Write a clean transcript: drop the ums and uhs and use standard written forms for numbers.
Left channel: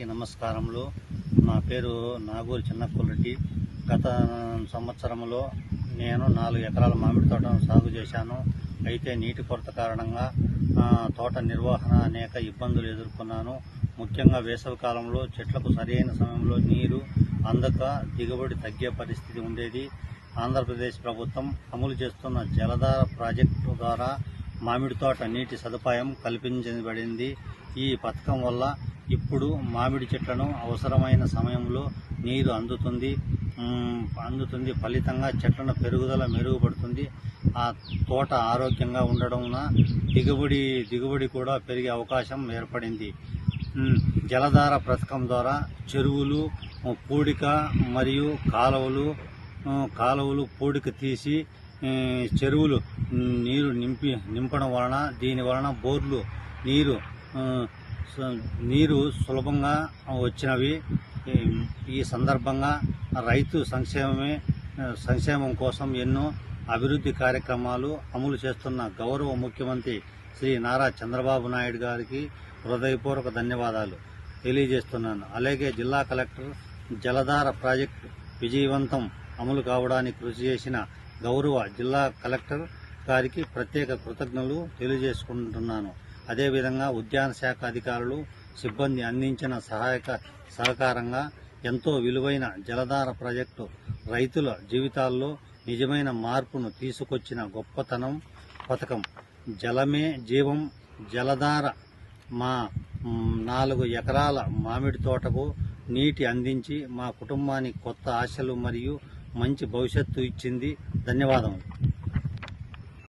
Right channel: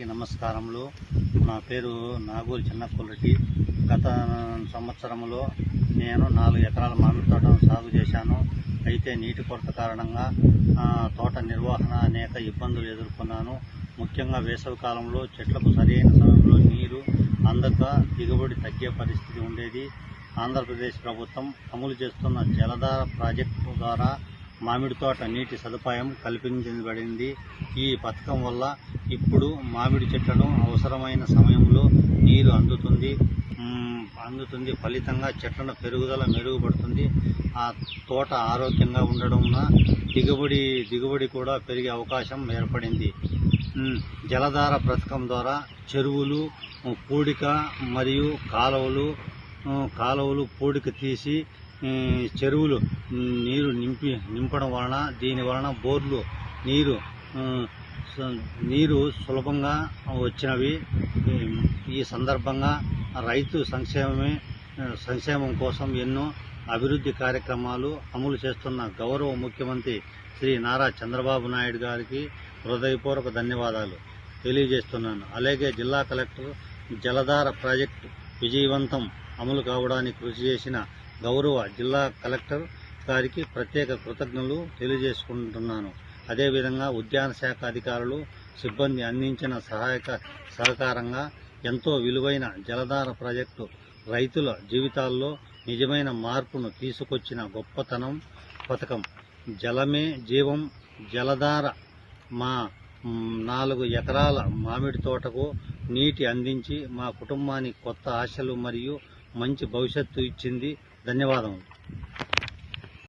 అందరికీ నమస్కారములు. నా పేరు నాగూరి చిన్నకులరెడ్డి. గత సంవత్సరంలో నేను 4 ఎకరాల మామిడి తోటను సాగు చేశాను. అయితే నీటి కొరత కారణంగా తోట నిర్వహణ అనేక ఇబ్బందులు ఎదుర్కొన్నాను. ముఖ్యంగా వేసవి కాలంలో చెట్లకు సరైన సమయంలో నీరు అందక దిగుబడి తగ్గే పరిస్థితి ఉండేది. ఆంధ్రప్రదేశ్ ప్రభుత్వం అమలు చేస్తున్న జలధార ప్రాజెక్టు ద్వారా మామిడి తోట నీటి సదుపాయం కల్పించబడింది. ఈ పథకం వల్ల ఇప్పుడు మామిడి చెట్లను అవసరమైన సమయంలో నీరు అందుతుంది. ఫలితంగా చెట్ల పెరుగుదల మెరుగుపడుతుంది. ఆ తోట ఆరోగ్యంగా ఉండడం దిగుబడి కూడా పెరిగే అవకాశం ఏర్పడింది. జలధార పథకం ద్వారా చెరువులు పూడిక మరియు కాలువలు పూడిక తీసి చెరువులు నింపడం వలన దీని వలన బోర్లు నీరు సులభంగా వచ్చినవి. ఈ సందర్భంగా రైతు సంక్షేమం కోసం ఎన్నో అభివృద్ధి కార్యక్రమాలు అమలు చేస్తున్న గౌరవ ముఖ్యమంత్రి శ్రీ నారా చంద్రబాబు నాయుడు గారికి హృదయపూర్వక ధన్యవాదాలు తెలియజేస్తున్నాను. అలాగే జిల్లా కలెక్టర్ జలధార ప్రాజెక్టు విజయవంతం అమలు కావడానికి కృషి చేసిన గౌరవ జిల్లా కలెక్టర్ గారికి ప్రత్యేక కృతజ్ఞతలు తెలియజేసుకుంటున్నాను. అదేవిధంగా ఉద్యాన శాఖ అధికారులు సిబ్బంది అందించిన సహకారంగా ఎంతో విలువైన జలధార ప్రాజెక్టు రైతుల జీవితాల్లో నిజమైన మార్పును తీసుకొచ్చిన గొప్పతనం పథకం. జలమే జీవం. జలధార మా 4 ఎకరాల మామిడి తోటకు నీటి అందించి మా కుటుంబానికి కొత్త ఆశలు మరియు మంచి భవిష్యత్తు ఇచ్చింది. ధన్యవాదములు.